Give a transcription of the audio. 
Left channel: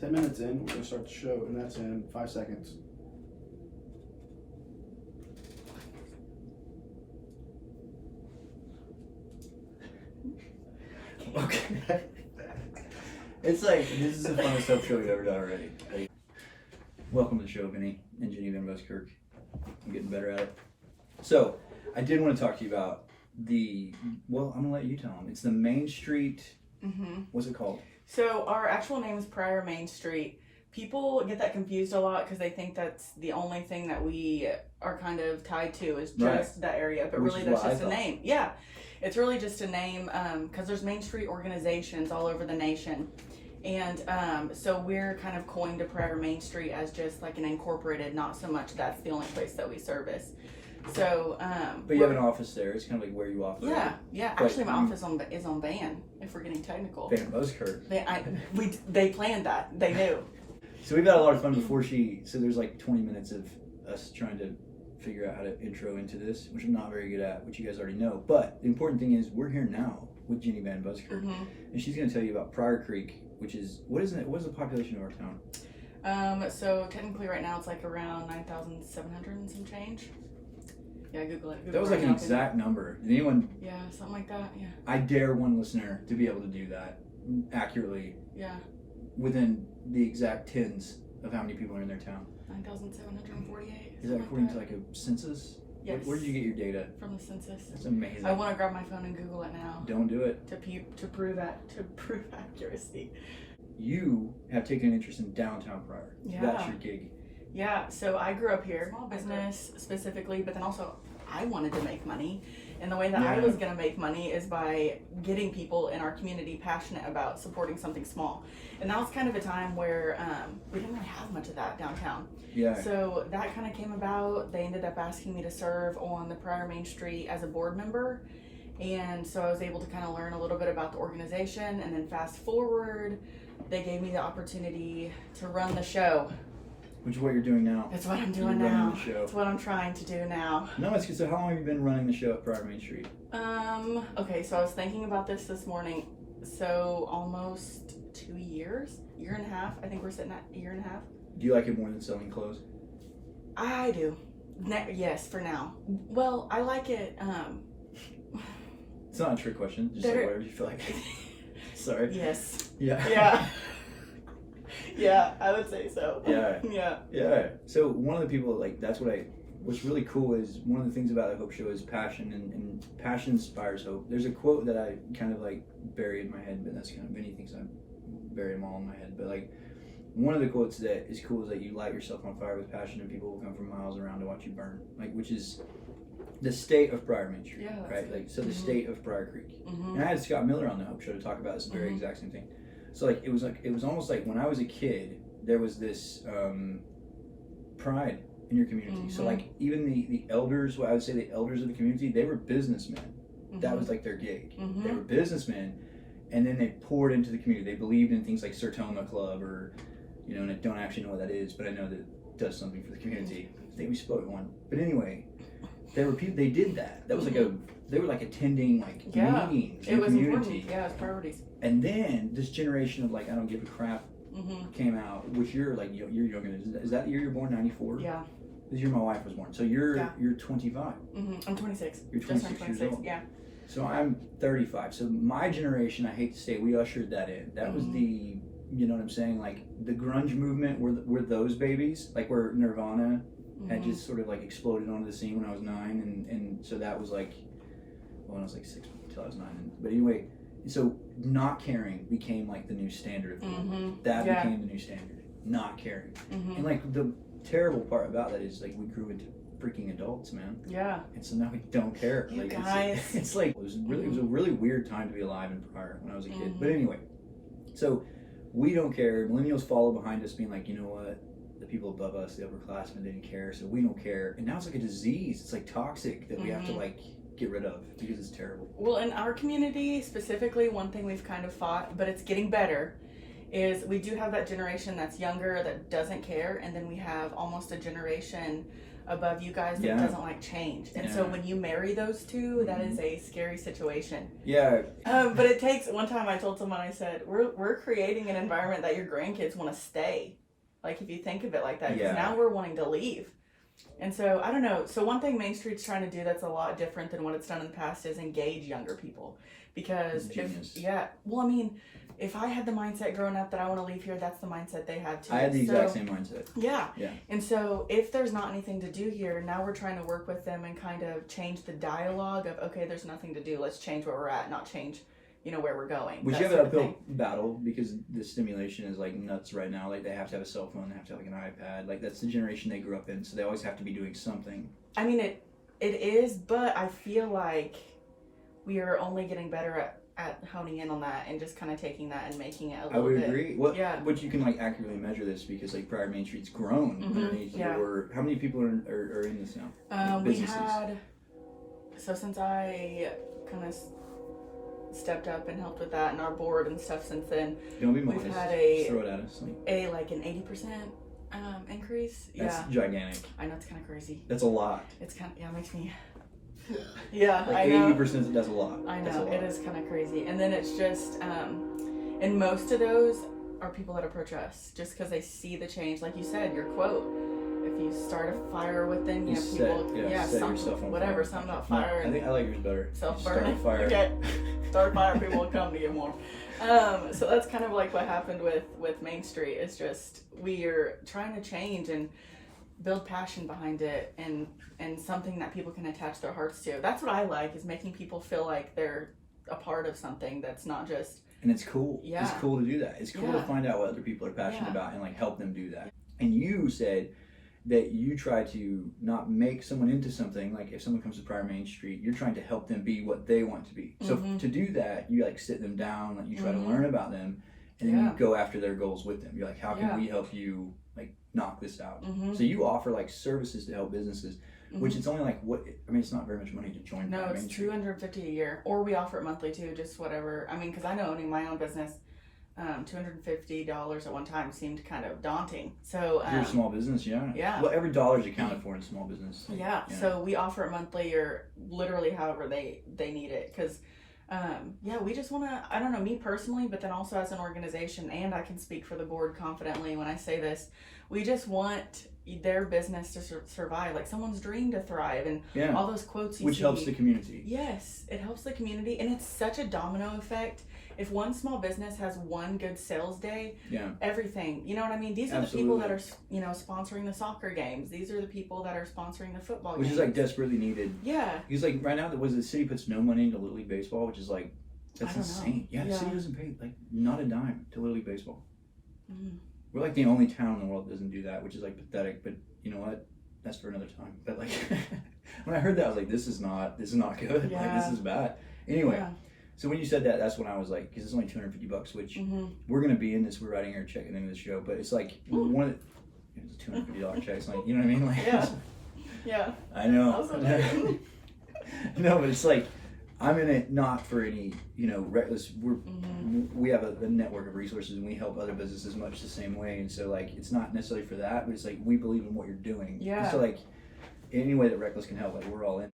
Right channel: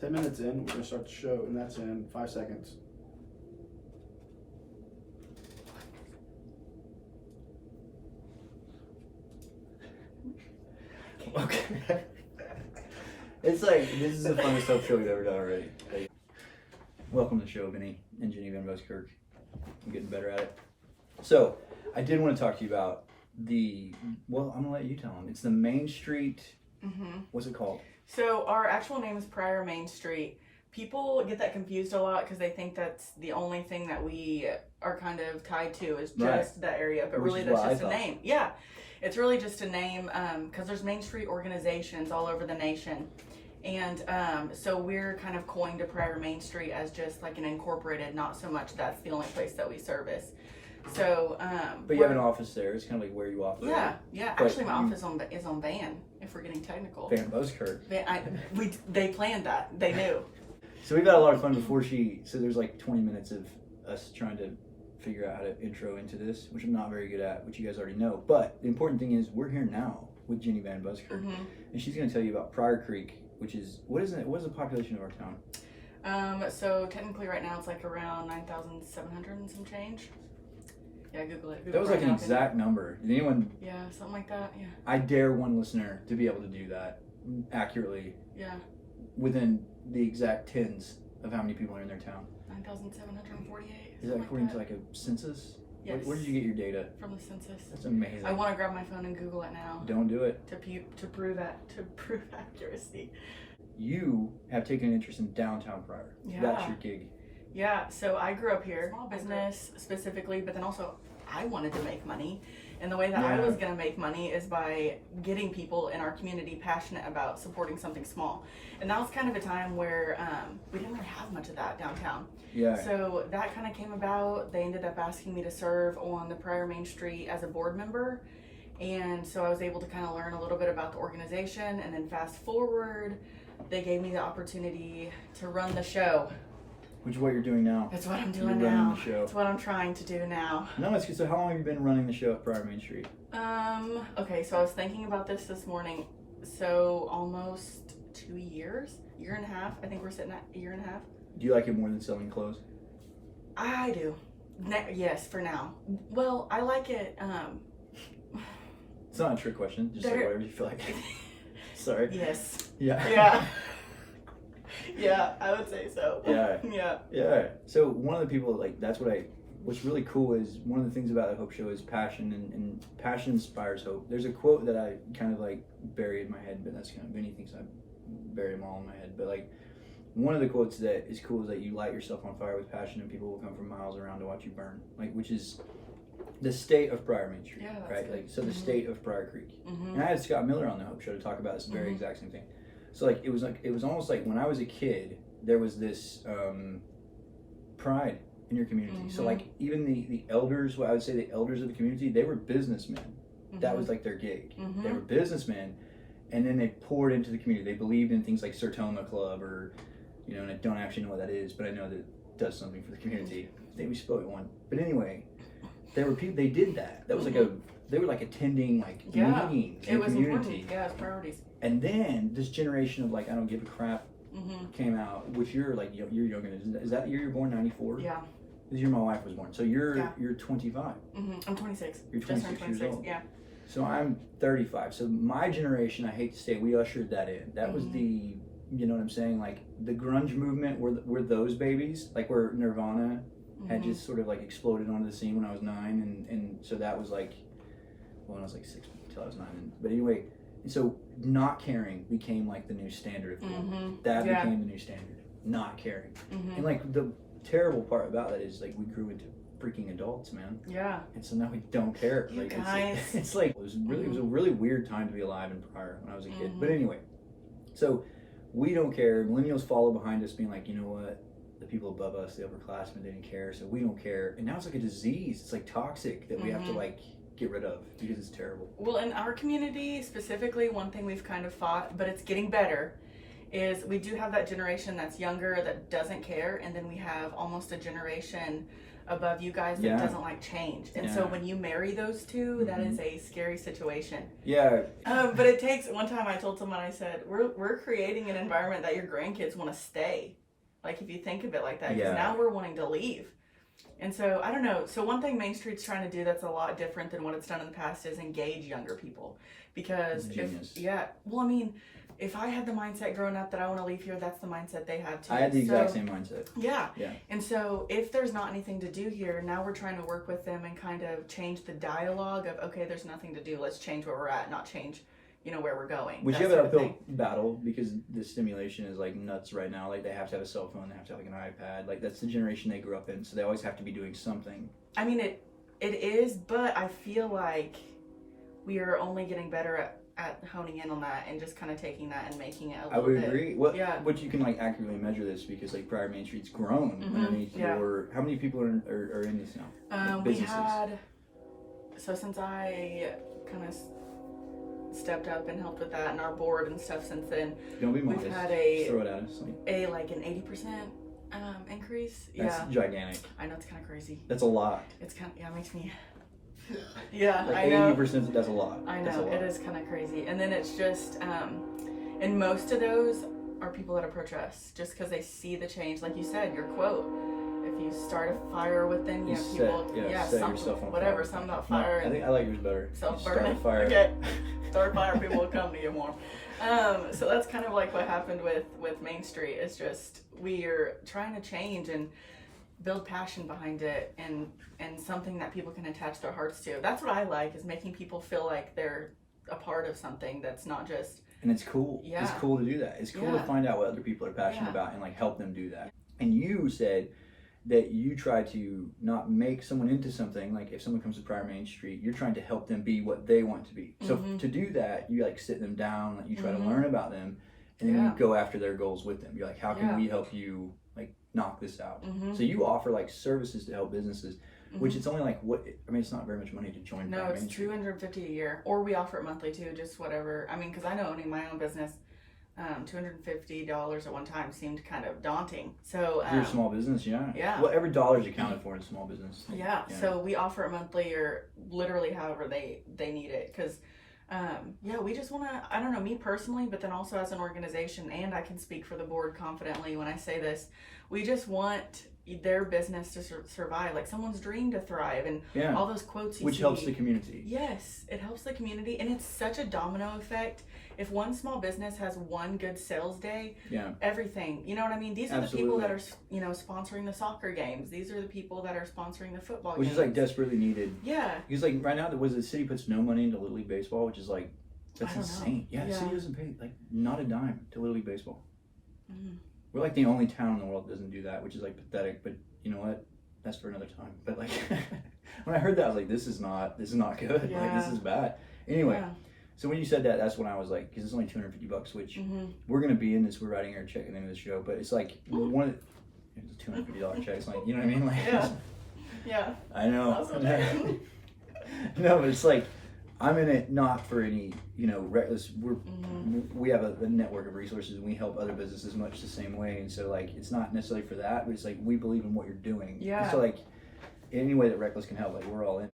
10 minutes in, we're going to start the show, and that's in 5 seconds. Okay. It's like, this is the funnest hope show we've ever done already. Welcome to the show, Jennie and Jennie VanBuskirk. I'm getting better at it. So, I did want to talk to you about well, I'm going to let you tell them. It's the Main Street, what's it called? So, our actual name is Pryor Main Street. People get that confused a lot because they think that's the only thing that we are kind of tied to is just that area. But really, that's just a name. Yeah, it's really just a name because there's Main Street organizations all over the nation. And so we're kind of coined to Pryor Main Street as just like an incorporated, not so much that's the only place that we service. So, but you have an office there. It's kind of like where you operate. Yeah. But actually, my office is on Van. If we're getting technical. VanBuskirk. They planned that. They knew. So we've got a lot of fun before so there's like 20 minutes of us trying to figure out how to intro into this, which I'm not very good at, which you guys already know. But the important thing is we're here now with Jennie VanBuskirk, and she's going to tell you about Pryor Creek, which is, what is the population of our town? So technically right now it's like around 9,700 and some change. Yeah, Google it. That was like an exact number. Did anyone? Yeah, something like that. Yeah. I dare one listener to be able to do that accurately. Yeah. Within the exact tens of how many people are in their town. 9,748. Is that according to like a census? Yes. Where did you get your data? From the census. That's amazing. I want to grab my phone and Google it now. Don't do it. To prove accuracy. You have taken an interest in downtown Pryor. Yeah. That's your gig. Yeah, so I grew up here, small business specifically, but then also I wanted to make money. And the way that I was going to make money is by getting people in our community passionate about supporting something small. And that was kind of a time where we didn't really have much of that downtown. Yeah. So that kind of came about. They ended up asking me to serve on the Pryor Main Street as a board member. And so I was able to kind of learn a little bit about the organization. And then fast forward, they gave me the opportunity to run the show. Which is what you're doing now. That's what I'm doing now. That's what I'm trying to do now. No, it's good. So how long have you been running the show at Pryor Main Street? Okay, so I was thinking about this morning. So almost 2 years, year and a half. I think we're sitting at a year and a half. Do you like it more than selling clothes? I do. Yes, for now. Well, I like it. It's not a trick question. Just say whatever you feel like. Sorry. Yes. Yeah. Yeah. Yeah, I would say so. Yeah. So one of the people, like, what's really cool is one of the things about the Hope Show is passion, and passion inspires hope. There's a quote that I kind of like buried in my head, but that's kind of many things I bury them all in my head. But like one of the quotes that is cool is that you light yourself on fire with passion, and people will come from miles around to watch you burn. Like, which is the state of Pryor Main Street, right? Good. Like, so the state of Pryor Creek. And I had Scott Miller on the Hope Show to talk about this very exact same thing. So like it was almost like when I was a kid, there was this pride in your community. So like even the elders, I would say the elders of the community, they were businessmen. That was like their gig. They were businessmen, and then they poured into the community. They believed in things like Sertoma Club, or and I don't actually know what that is, but I know that it does something for the community. I think we spoke at one. But anyway, there were people. They did that. That was like they were like attending like meetings in the community. Important. Yeah, it's priorities. And then this generation of like I don't give a crap came out, which you're like you're younger. Is that the year you're born? 94? Yeah. This year my wife was born. So you're 25. I'm 26. You're 26 years old. Yeah. So I'm 35. So my generation, I hate to say, we ushered that in. That was the, you know what I'm saying? Like the grunge movement were those babies, like where Nirvana had just sort of like exploded onto the scene when I was 9, and so that was like, well, I was like 6 until I was 9. But anyway. So not caring became like the new standard. That became the new standard. Not caring. And like the terrible part about that is like we grew into freaking adults, man. Yeah. And so now we don't care. You like, guys. It's like it was a really weird time to be alive in Pryor when I was a kid. But anyway, so we don't care. Millennials follow behind us, being like, you know what? The people above us, the upperclassmen, didn't care, so we don't care. And now it's like a disease. It's like toxic that we have to like get rid of because it's terrible. Well, in our community specifically, one thing we've kind of fought, but it's getting better, is we do have that generation that's younger that doesn't care, and then we have almost a generation above you guys that doesn't like change. And so when you marry those two, that is a scary situation. Yeah. But it takes, one time I told someone, I said, we're creating an environment that your grandkids want to stay. Like, if you think of it like that, because now we're wanting to leave. And so, I don't know. So one thing Main Street's trying to do that's a lot different than what it's done in the past is engage younger people. Because, if I had the mindset growing up that I want to leave here, that's the mindset they had too. I had the exact same mindset. Yeah. And so if there's not anything to do here, now we're trying to work with them and kind of change the dialogue of, okay, there's nothing to do. Let's change where we're at, not change, where we're going. Which you have an uphill battle because the stimulation is like nuts right now. Like, they have to have a cell phone, they have to have like an iPad. Like, that's the generation they grew up in, so they always have to be doing something. I mean, it is, but I feel like we are only getting better at honing in on that and just kind of taking that and making it a little bit. I would agree. What you can like accurately measure this because like Pryor Main Street's grown underneath your. How many people are in this now? We had, so since I kind of stepped up and helped with that and our board and stuff since then, don't be modest. We've had throw it at us. an 80% increase. That's gigantic. I know, it's kind of crazy. That's a lot. It's kind of, it makes me. Yeah, like I know. 80%, that's a lot. I know, it is kind of crazy. And then it's just, and most of those are people that approach us just because they see the change. Like you said, your quote, if you start a fire within you, people, something, whatever, something about fire. I think I like yours better. Self-burning. Fire. Okay. Start a fire, people will come to you more. So that's kind of like what happened with Main Street. It's just, we're trying to change and build passion behind it and something that people can attach their hearts to. That's what I like, is making people feel like they're a part of something that's not just. And it's cool. Yeah. It's cool to do that. It's cool to find out what other people are passionate about and like help them do that. And you said that you try to not make someone into something. Like, if someone comes to Pryor Main Street, you're trying to help them be what they want to be. So to do that, you like sit them down, like you try to learn about them, and then you go after their goals with them. You're like, how can we help you like knock this out? So you offer like services to help businesses, which it's only like it's not very much money to join. No, it's $250 a year, or we offer it monthly too, just whatever. I mean, because I know owning my own business, $250 at one time seemed kind of daunting. So you're a small business, well, every dollar's accounted for in small business. So we offer it monthly or literally however they need it, because we just want to, I don't know, me personally, but then also as an organization, and I can speak for the board confidently when I say this, we just want their business to survive, like someone's dream to thrive, and all those quotes you see. Which helps the community. Yes, it helps the community, and it's such a domino effect. If one small business has one good sales day, everything, you know what I mean? These are the people that are, sponsoring the soccer games. These are the people that are sponsoring the football games. Which is like desperately needed. Yeah. Because like right now, the city puts no money into Little League Baseball, which is like, that's insane. The city doesn't pay like not a dime to Little League Baseball. We're like the only town in the world that doesn't do that, which is like pathetic, but you know what? That's for another time. But like, when I heard that, I was like, this is not good. Like, this is bad. Anyway. So when you said that, that's when I was like, because it's only $250, which we're gonna be in this. We're writing our check into the show, but it's like it's a $250 check. It's like, you know what I mean? Like, I know. No, but it's like I'm in it not for any reckless. We have a network of resources and we help other businesses much the same way. And so like it's not necessarily for that, but it's like we believe in what you're doing. And so like any way that Reckless can help, like we're all in.